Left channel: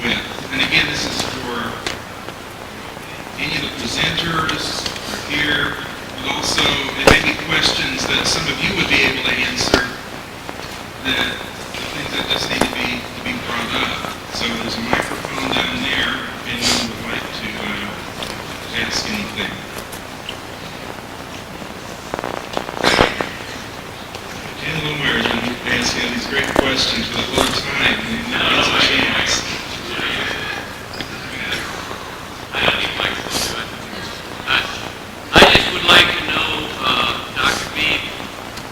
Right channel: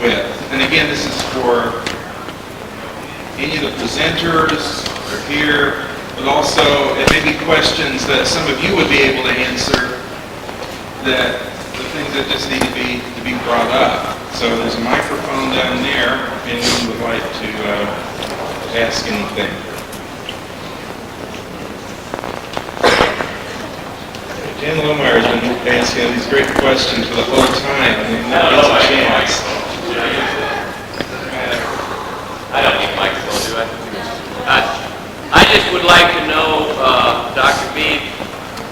with. And again, this is for any of the presenters or here, but also it may be questions that some of you would be able to answer, that the things that just need to be brought up. So there's a microphone down there if anyone would like to ask anything. Jan Lohmeyer has been asking these great questions for the whole time, and he never gets a chance. I don't need a microphone, do I? I just would like to know, Dr. Beebe,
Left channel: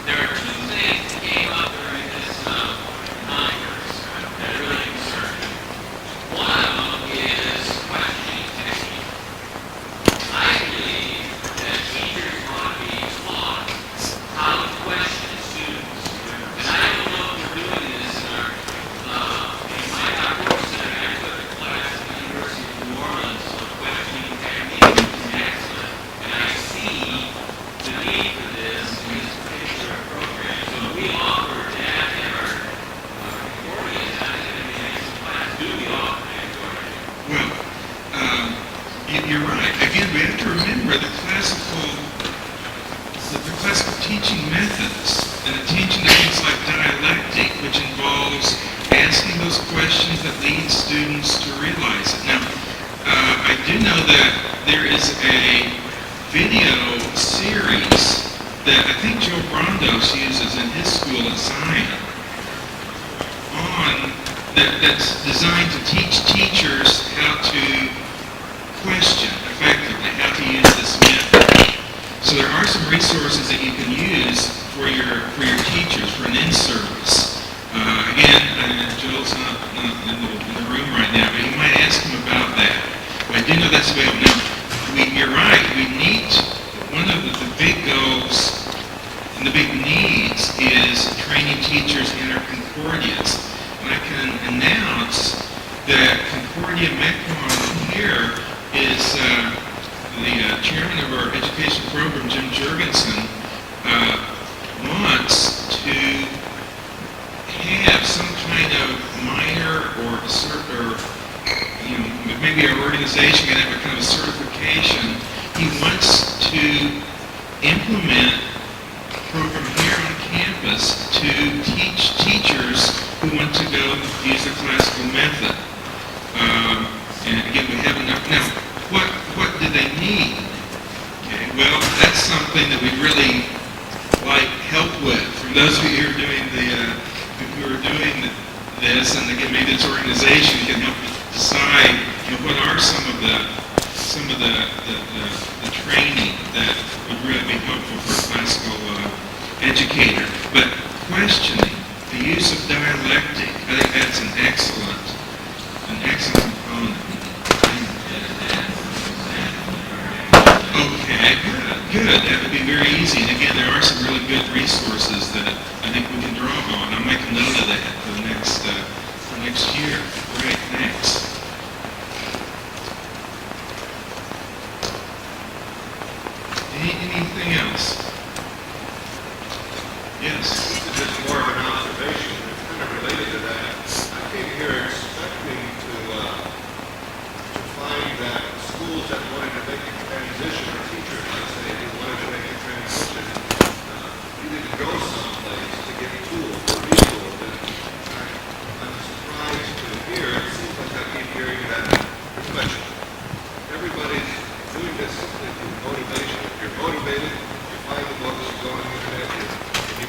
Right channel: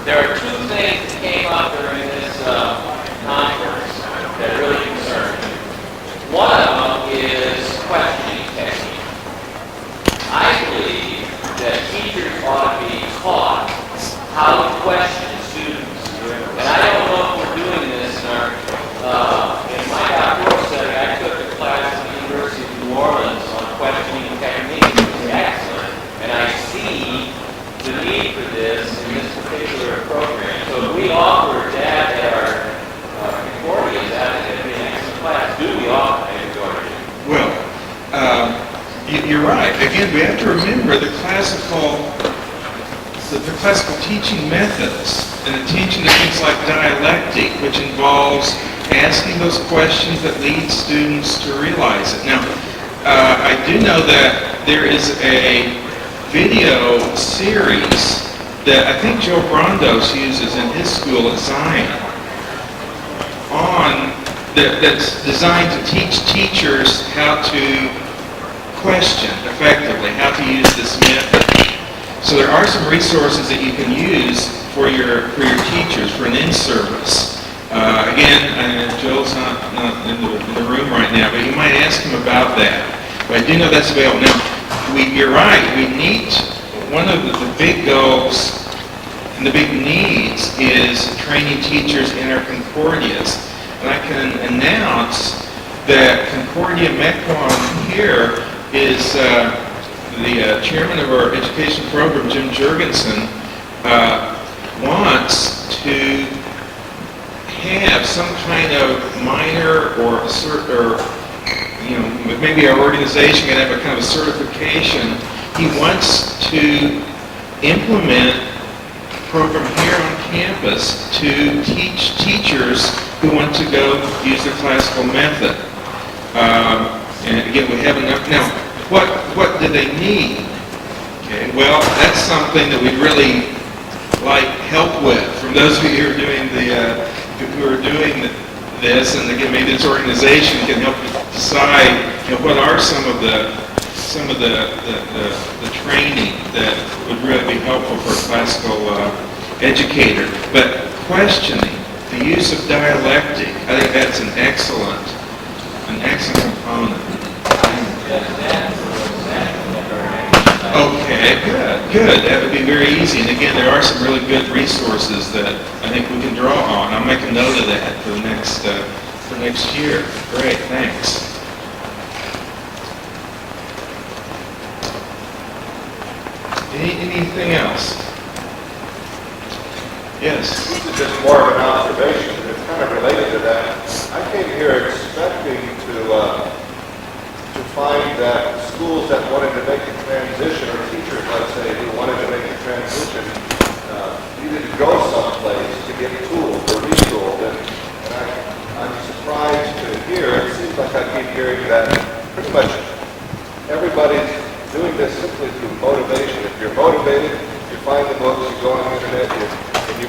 there are two things that came up during this conference that really concern me. One of them is questioning technique. I believe that teachers ought to be taught how to question students. And I don't know if we're doing this in my doctoral study. I took a class at the University of New Orleans on questioning technique, which is excellent. And I see the need for this in this particular program. So if we offer that at our Concordia, that would be an excellent class. Do we offer a Concordia? Well, you're right. Again, we have to remember the classical teaching methods and the teaching of things like dialectic, which involves asking those questions that lead students to realize it. Now, I do know that there is a video series that I think Joe Brondos uses in his school at Zion that's designed to teach teachers how to question effectively, how to use this method. So there are some resources that you can use for your teachers for an in-service. Again, Joel's not in the room right now, but you might ask him about that. But I do know that's available. Now, you're right. We need, one of the big goals and the big needs is training teachers in our Concordias. And I can announce that Concordia Mequon here is the chairman of our education program, Jim Jurgensen, wants to have some kind of minor or maybe our organization can have a kind of certification. He wants to implement a program here on campus to teach teachers who want to go use the classical method. And again, we have enough. Now, what do they need? Okay, well, that's something that we'd really like help with from those of you who are doing this, and again, maybe this organization can help decide, what are some of the training that would really be helpful for a classical educator. But questioning, the use of dialectic, I think that's an excellent component. Okay, good. That would be very easy. And again, there are some really good resources that I think we can draw on. I'll make a note of that for next year. Great, thanks. Anything else? Yes. This is just more of an observation. It's kind of related to that. I came here expecting to find that schools that wanted to make the transition, or teachers, let's say, who wanted to make the transition, needed to go someplace to get tooled or retooled. And I'm surprised to hear, it seems like I keep hearing that pretty much everybody's doing this simply through motivation. If you're motivated, you find the books, you go on the internet, and you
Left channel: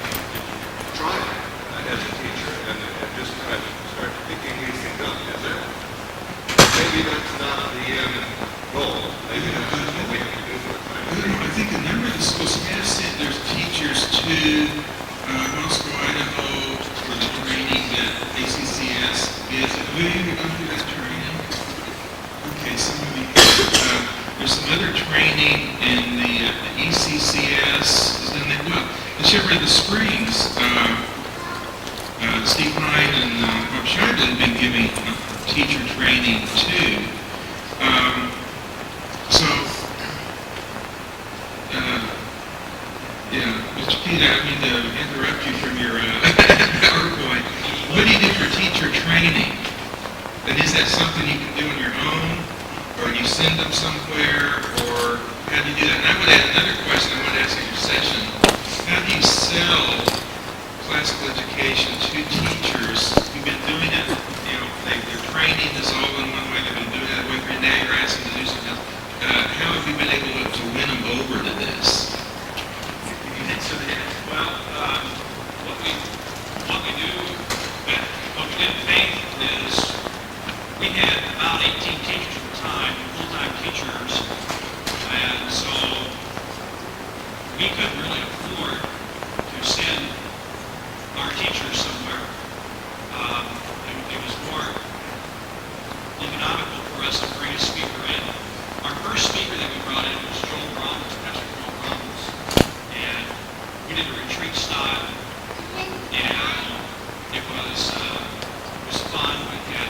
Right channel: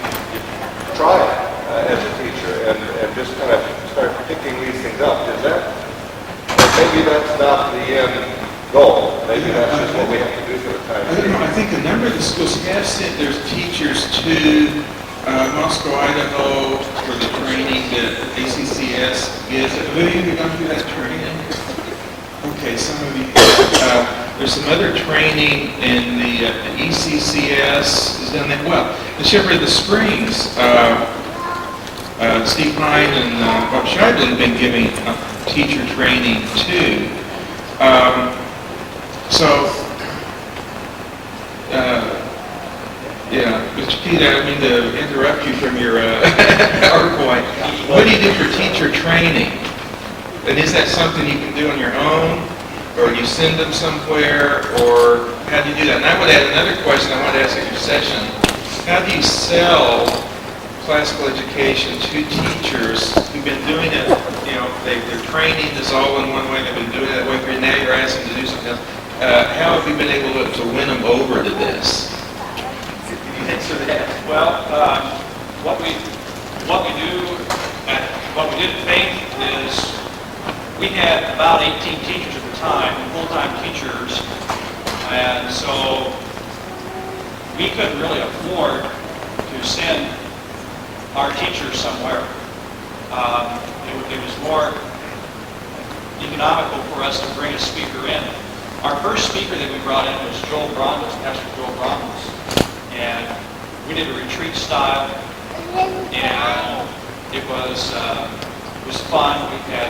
try it as a teacher and just kind of start picking these things up. Is that, maybe that's not the end goal. Maybe that's just what we have to do for the time being. I think a number of the schools have sent their teachers to Moscow, Idaho for the training that ACCS gives. Have any of you gone through that training? Okay, some of you. There's some other training in the ECCS has done that. Well, the Shepherd of the Springs, Steve Hine and Bob Scheibel have been giving teacher training too. Mr. Pete, I don't mean to interrupt you from your PowerPoint. What do you do for teacher training? And is that something you can do on your own, or you send them somewhere, or how do you do that? And I would add another question I wanted to ask at your session. How do you sell classical education to teachers who've been doing it, their training is all in one way, they've been doing it that way for you, now you're asking them to do something else. How have you been able to win them over to this? Can you answer that? Well, what we did at Faith is we had about 18 teachers at the time, full-time teachers, and so we couldn't really afford to send our teachers somewhere. It was more economical for us to bring a speaker in. Our first speaker that we brought in was Pastor Joel Brandos, and we did a retreat style, and it was fun. We had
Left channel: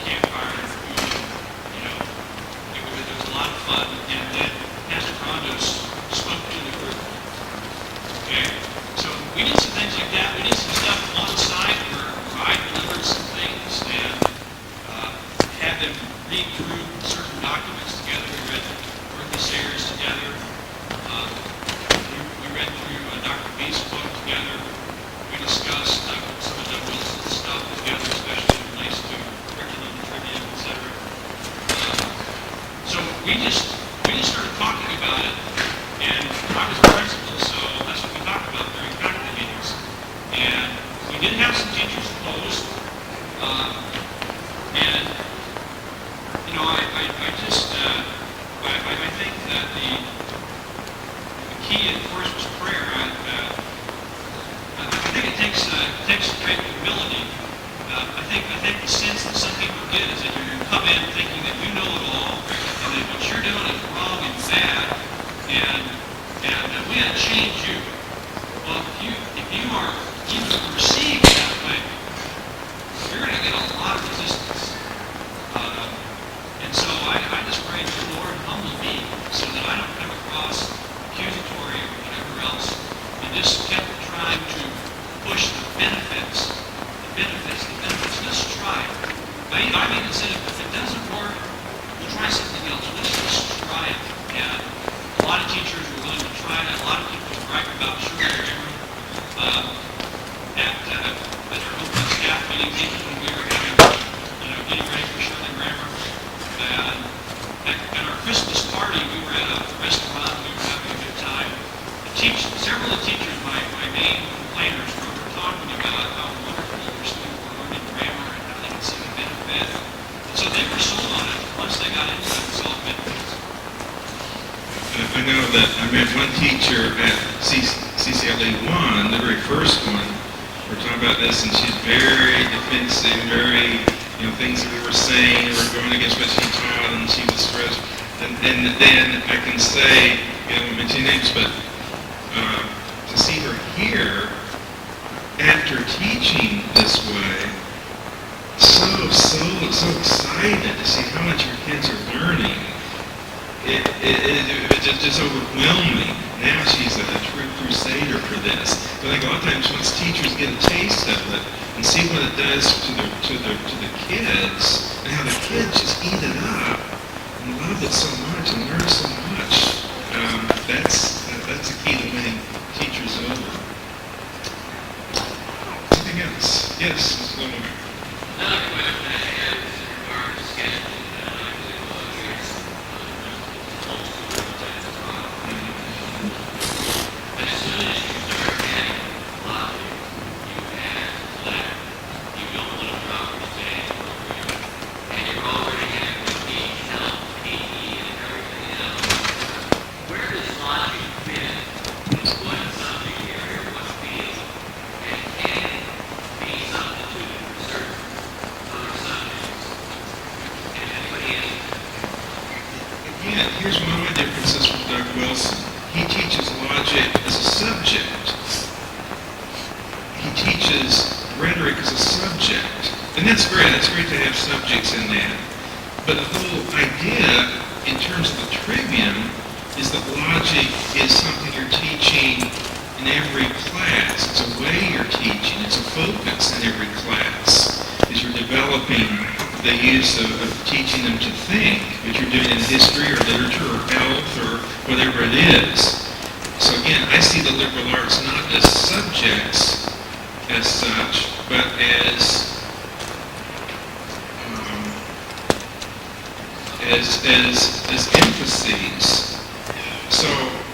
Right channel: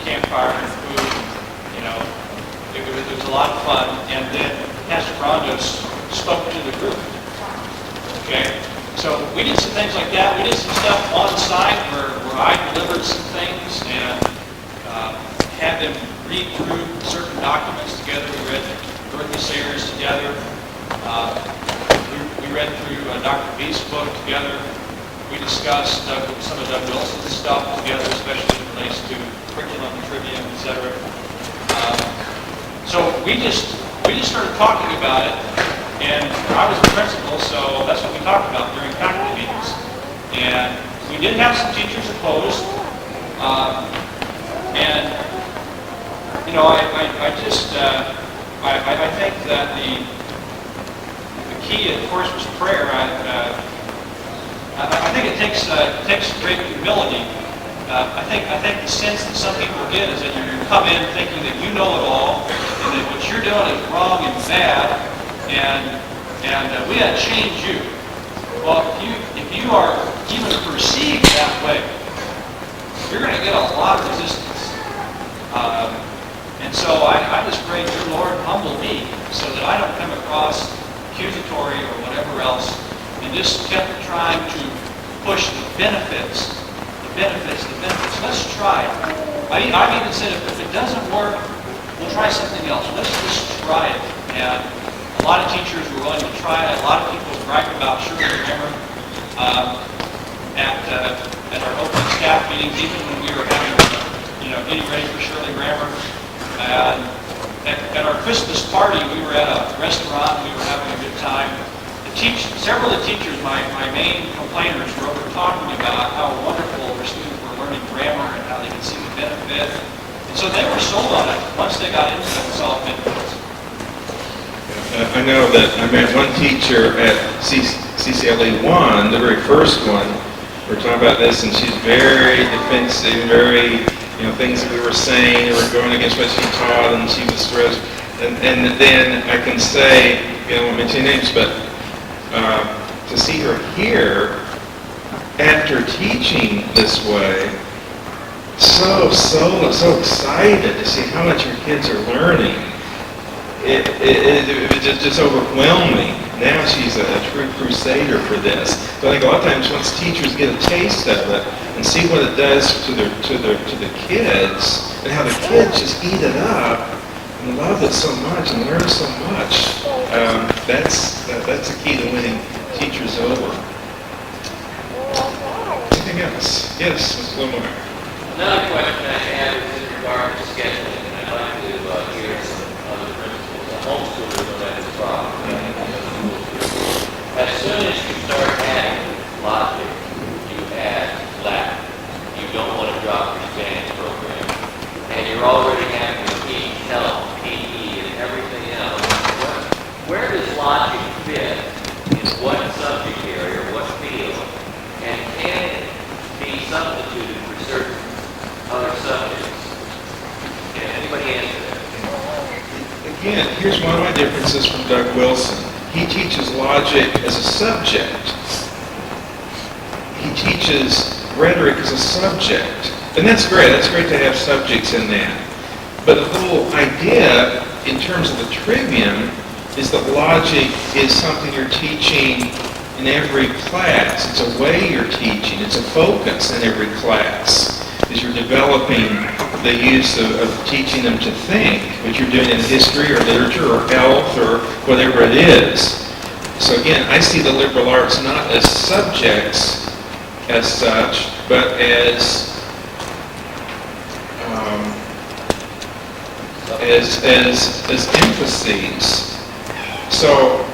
campfire and food, it was a lot of fun. And then Pastor Brandos spoke to the group. Okay, so we did some things like that. We did some stuff on site where I delivered some things and had them read through certain documents together. We read Dorothy Sayers together. We read through Dr. B's book together. We discussed some of Doug Wilson's stuff together, especially as it relates to curriculum and trivia, etc. So we just started talking about it, and I was the principal, so that's what we talked about during faculty meetings. And we did have some teachers opposed, and I think that the key, of course, was prayer. I think it takes great humility. I think the sense that some people get is that you come in thinking that you know it all, and that what you're doing is wrong and bad, and we got to change you. Well, if you are even perceived that way, you're going to get a lot of resistance. And so I just pray, dear Lord, humble me so that I don't come across accusatory or whatever else, and just kept trying to push the benefits. Let's try it. I've even said, if it doesn't work, we'll try something else. Let's just try it. And a lot of teachers were willing to try it. A lot of people bragged about Shirley Grammar at our opening staff meetings, even when we were having getting ready for Shirley Grammar. And at our Christmas party, we were at a restaurant. We were having a good time. Several of the teachers, my main complainers, were over talking about how wonderful their students were learning grammar and how they could see the benefit. And so they were sold on it once they got into it and saw the benefits. I know that I met one teacher at CCLE 1, the very first one. We're talking about this, and she's very defensive, very, things that we were saying were going against what she taught, and she was stressed. And then I can say, I won't mention names, but to see her here after teaching this way, so excited to see how much her kids are learning. It just overwhelming. Now she's a true crusader for this. But I think a lot of times once teachers get a taste of it and see what it does to the kids, and how the kids just eat it up and love it so much and learn so much, that's the key to winning teachers over. Anything else? Yes, Ms. Lamar. Another question I had is in regard to scheduling, and I'd like to hear some other principals. The homeschoolers don't have this problem. As soon as you start adding logic, you add Latin. You don't want to drop your Spanish program. And you're already having to teach health, PE, and everything else. Where does logic fit in what subject area, what field, and can it be substituted for certain other subjects? Can anybody answer that? Again, here's one of my differences from Doug Wilson. He teaches logic as a subject. He teaches rhetoric as a subject. And that's great. That's great to have subjects in that. But the whole idea, in terms of the trivium, is that logic is something you're teaching in every class. It's a way you're teaching. It's a focus in every class, as you're developing the use of teaching them to think, which you're doing in history or literature or health or whatever it is. So again, I see the liberal arts not as subjects as such, but as emphases. So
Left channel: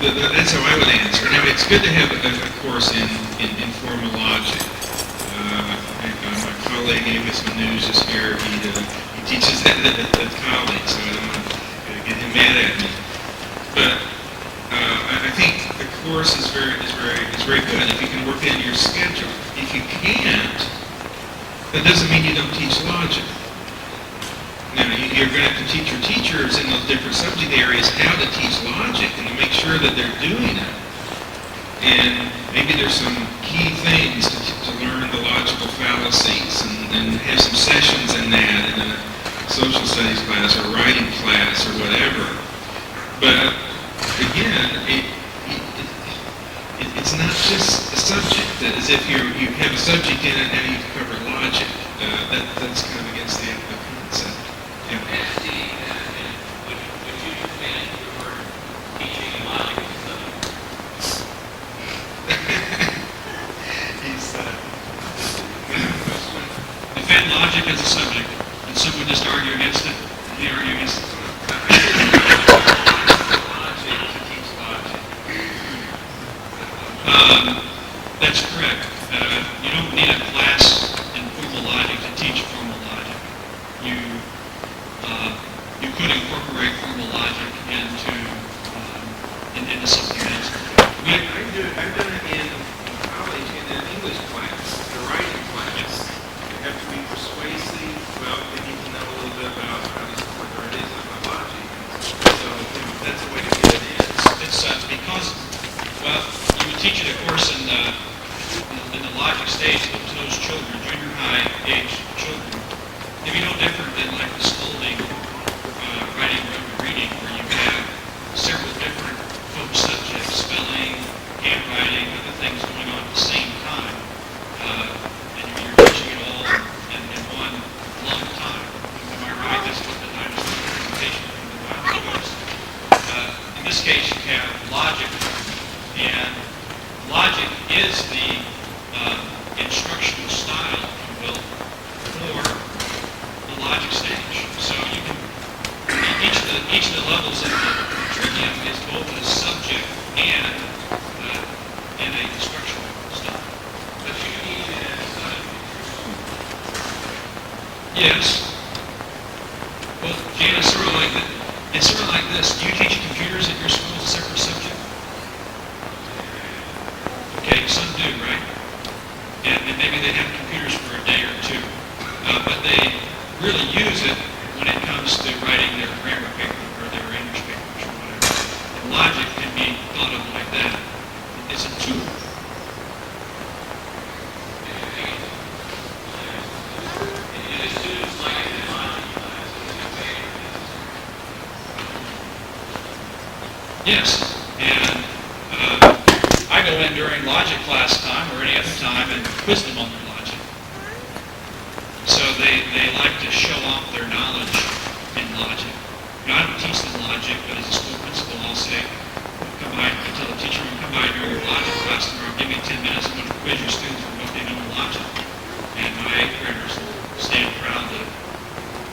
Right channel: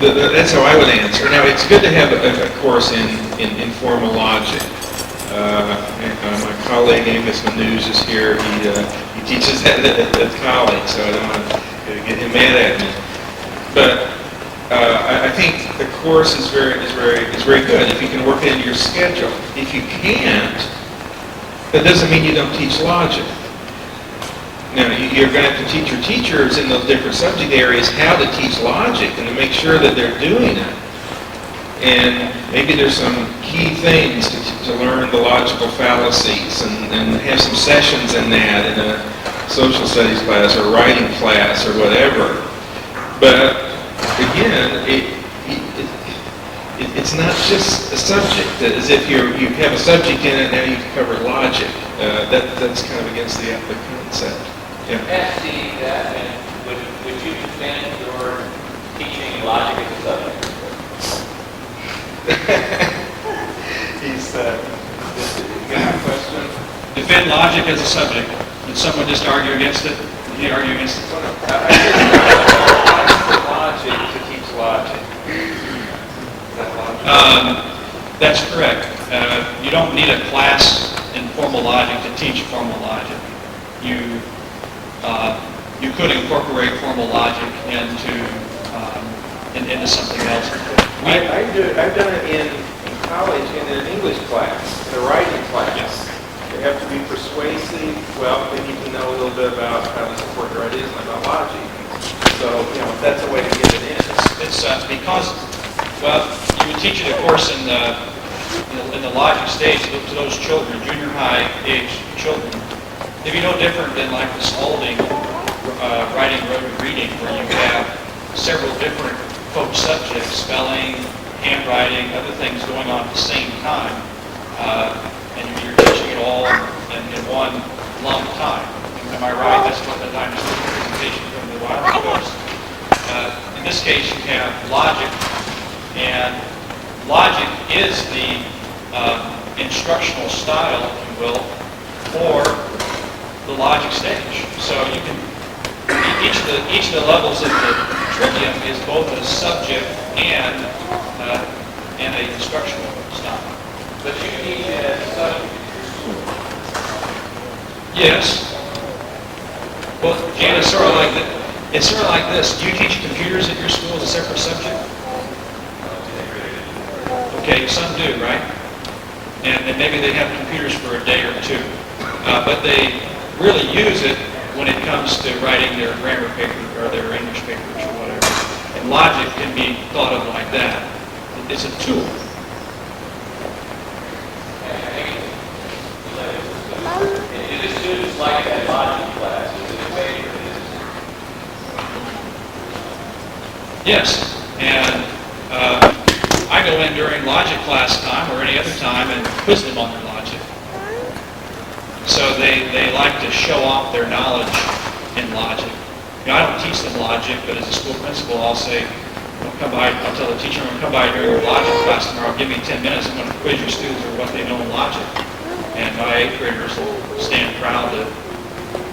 that's how I would answer. Now, it's good to have a course in formal logic. My colleague Amos Manouge is here. He teaches that at college, so I don't want to get him mad at me. But I think the course is very good if you can work it into your schedule. If you can't, that doesn't mean you don't teach logic. Now, you're going to have to teach your teachers in those different subject areas how to teach logic and to make sure that they're doing it. And maybe there's some key things to learn the logical fallacies and have some sessions in that in a social studies class or writing class or whatever. But again, it's not just a subject, as if you have a subject in it, now you've covered logic. That's kind of against the concept. Yeah. Ask Steve that, and would you defend your teaching logic as a subject? He's busy. You got a question? Defend logic as a subject. Did someone just argue against it? Did he argue against it? I said logic to teach logic. Is that logic? That's correct. You don't need a class in formal logic to teach formal logic. You could incorporate formal logic into something else. I've done it in college in an English class, in a writing class. Yes. They have to be persuasive. Well, they need to know a little bit about how to support their ideas and about logic. So, that's a way to get it in. It's because, well, you would teach it, of course, in the logic stage to those children, junior high age children. It'd be no different than like the Spalding writing, reading, where you have several different folk subjects, spelling, handwriting, other things going on at the same time. And you're teaching it all in one long time. Am I right? That's what the dinosaur presentation from the wild goes. In this case, you have logic, and logic is the instructional style, if you will, for the logic stage. So you can each of the levels of the trivium is both a subject and an instructional style. But you teach it as a subject in your school. Yes. Well, Jan, it's sort of like this. Do you teach computers at your school as a separate subject? Okay, some do, right? And maybe they have computers for a day or two. But they really use it when it comes to writing their grammar paper or their English papers or whatever. And logic can be thought of like that. It's a tool. And do the students like that logic class? Is it a favorite? Yes. And I go in during logic class time or any other time and quiz them on their logic. So they like to show off their knowledge in logic. I don't teach them logic, but as a school principal, I'll say, I'll tell the teacher, I'm going to come by during your logic class tomorrow, give me 10 minutes, I'm going to quiz your students on what they know in logic. And my 8th graders will stand proud to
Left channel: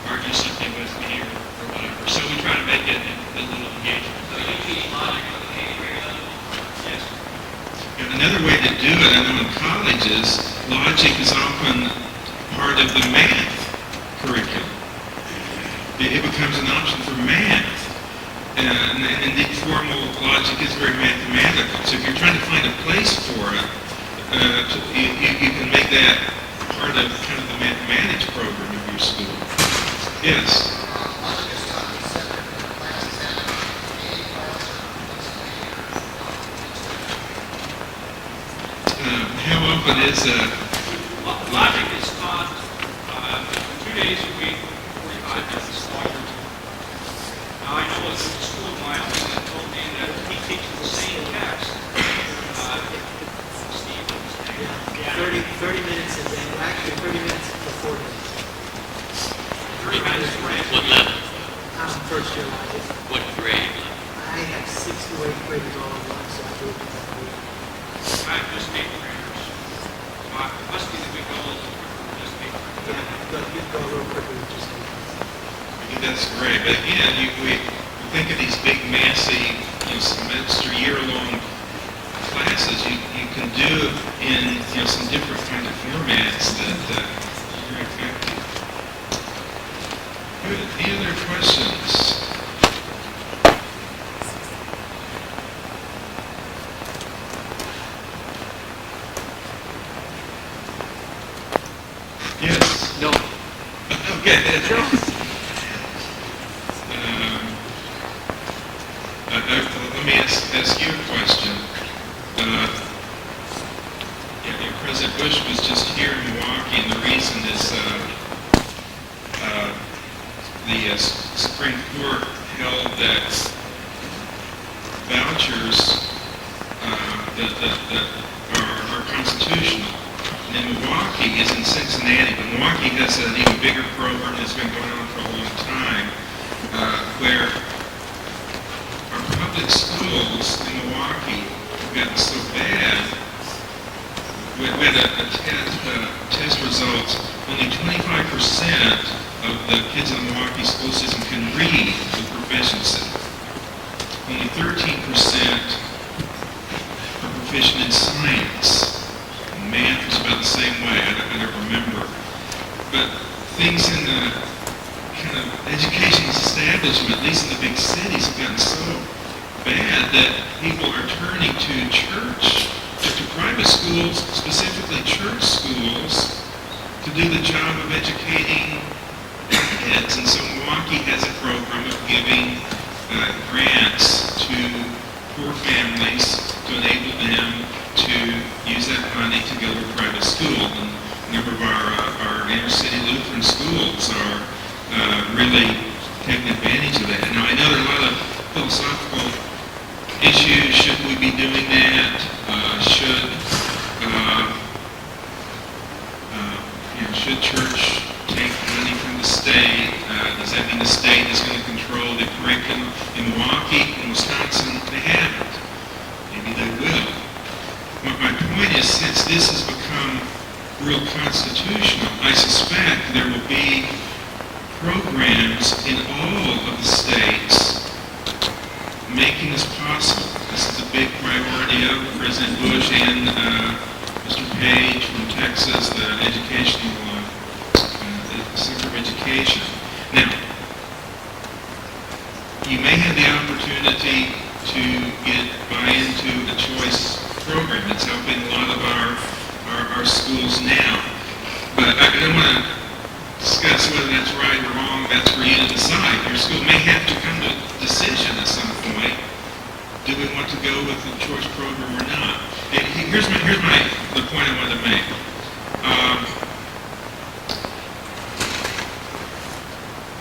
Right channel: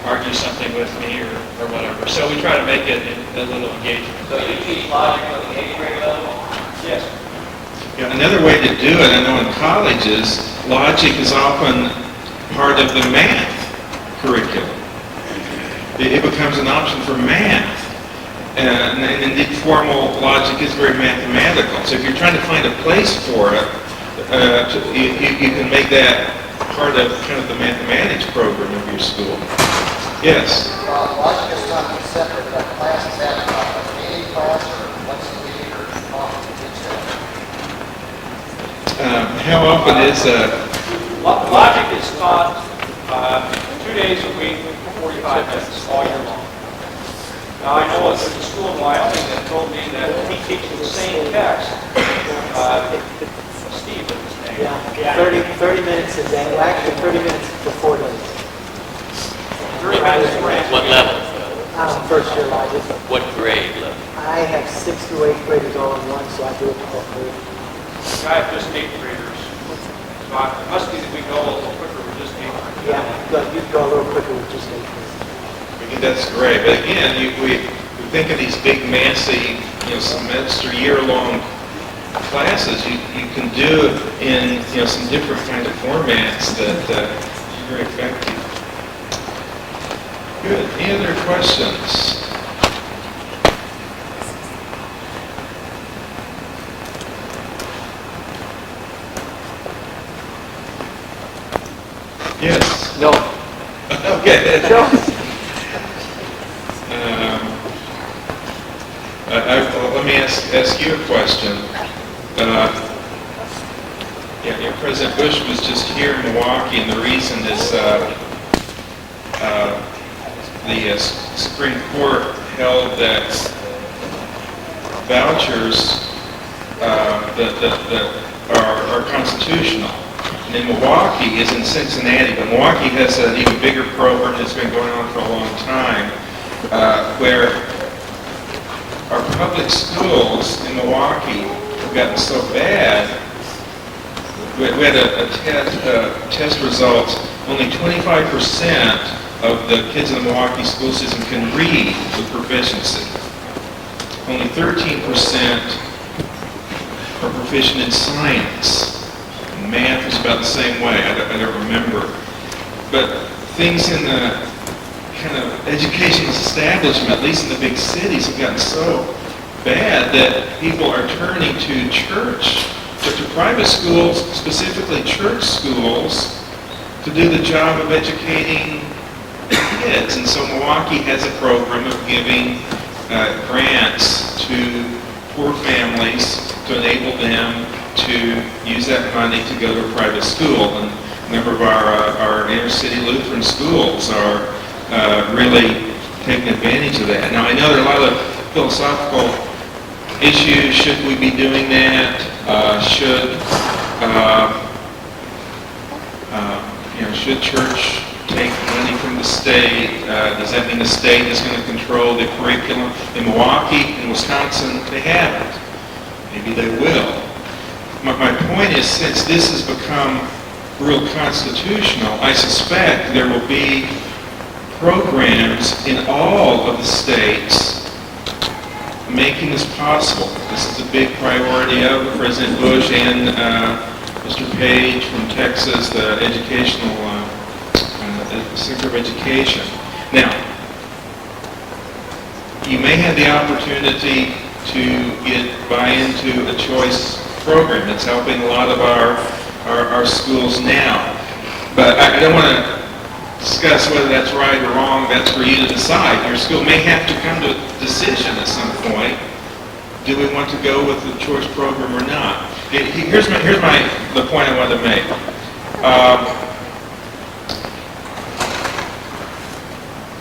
argue something with me or whatever. So we try to make it a little engaging. So you teach logic on the 8th grade level? Yes. Another way to do it, I know in colleges, logic is often part of the math curriculum. It becomes an option for math. And indeed, formal logic is very mathematical. So if you're trying to find a place for it, you can make that part of kind of the mathematics program of your school. Yes? Logic is taught in separate classes. Is that a daily class or once a week or how often do you teach that? How often is Logic is taught 2 days a week, 45 minutes, all year long. Now, I know there's a school in Wyoming that told me that he teaches the same text. Steve was his name. Yeah, 30 minutes a day, well, actually 30 minutes for 4 days. What level? First year logic. What grade level? I have 6th through 8th graders all in one, so I do it for both grades. I have just 8th graders. So it must be that we go a little quicker with just 8th graders. Yeah, you can go a little quicker with just 8th graders. I think that's great. But again, we think of these big, massive, semester, year-long classes. You can do it in some different kind of formats that are very effective. Good. Any other questions? Yes. No. Okay. No. Let me ask you a question. President Bush was just here in Milwaukee, and the reason is the Supreme Court held that vouchers that are constitutional. And in Milwaukee is in Cincinnati, but Milwaukee has an even bigger program that's been going on for a long time, where our public schools in Milwaukee have gotten so bad. We had a test result. Only 25% of the kids in the Milwaukee school system can read with proficiency. Only 13% are proficient in science. Math is about the same way. I don't remember. But things in the kind of educational establishment, at least in the big cities, have gotten so bad that people are turning to church, to private schools, specifically church schools, to do the job of educating kids. And so Milwaukee has a program of giving grants to poor families to enable them to use that money to go to a private school. And a number of our inner city Lutheran schools are really taking advantage of that. Now, I know there are a lot of philosophical issues. Should we be doing that? Should church take money from the state? Does that mean the state is going to control the curriculum? In Milwaukee, in Wisconsin, they haven't. Maybe they will. My point is, since this has become real constitutional, I suspect there will be programs in all of the states making this possible. This is a big priority of President Bush and Mr. Page from Texas, the educational Secretary of Education. Now, you may have the opportunity to buy into a choice program. It's helping a lot of our schools now. But I don't want to discuss whether that's right or wrong. That's for you to decide. Your school may have to come to a decision at some point. Do we want to go with the choice program or not? Here's the point I wanted to make.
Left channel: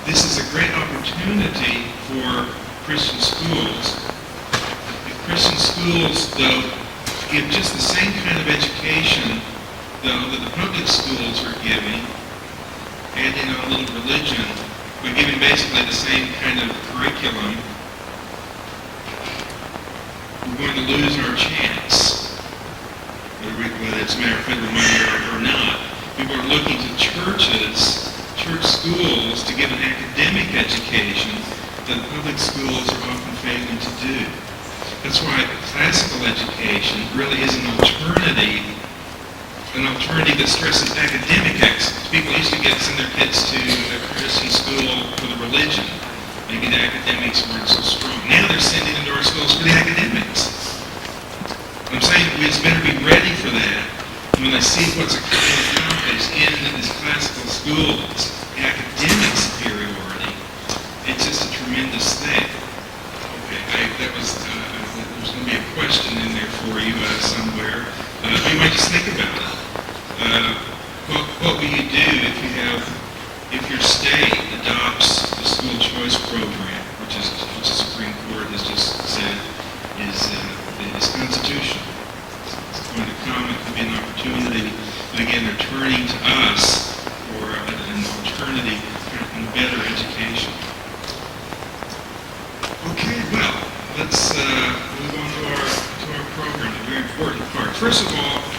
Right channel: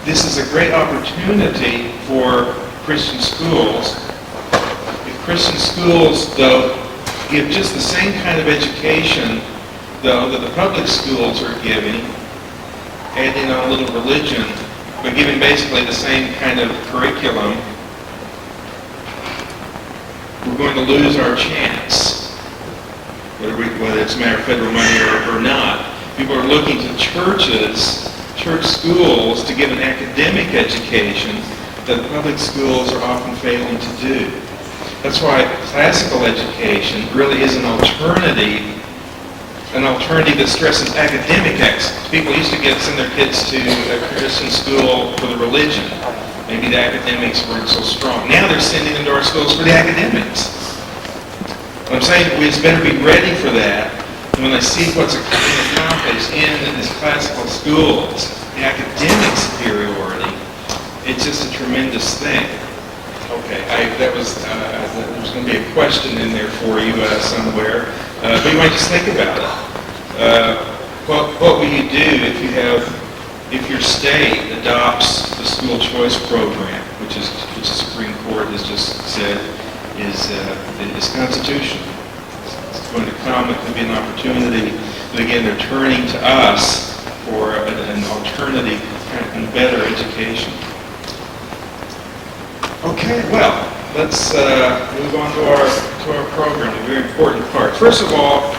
This is a great opportunity for Christian schools. If Christian schools, though, give just the same kind of education, though, that the public schools are giving, adding on a little religion, but giving basically the same kind of curriculum, we're going to lose our chance, whether it's a matter of federal money or not. People are looking to church schools to give an academic education that the public schools are often failing to do. That's why classical education really is an alternative that stresses academic excellence. People used to send their kids to a Christian school for the religion. Maybe the academics weren't so strong. Now they're sending them to our schools for the academics. What I'm saying, we just better be ready for that. And when I see what's accomplished in these classical schools, the academic superiority, it's just a tremendous thing. Okay, there was going to be a question in there for you somewhere, but you might just think about it. What will you do if your state adopts the school choice program, which the Supreme Court has just said is constitutional? It's going to come. It could be an opportunity. But again, they're turning to us for an alternative and better education. Okay, well, let's move on to our program, a very important part. First of all,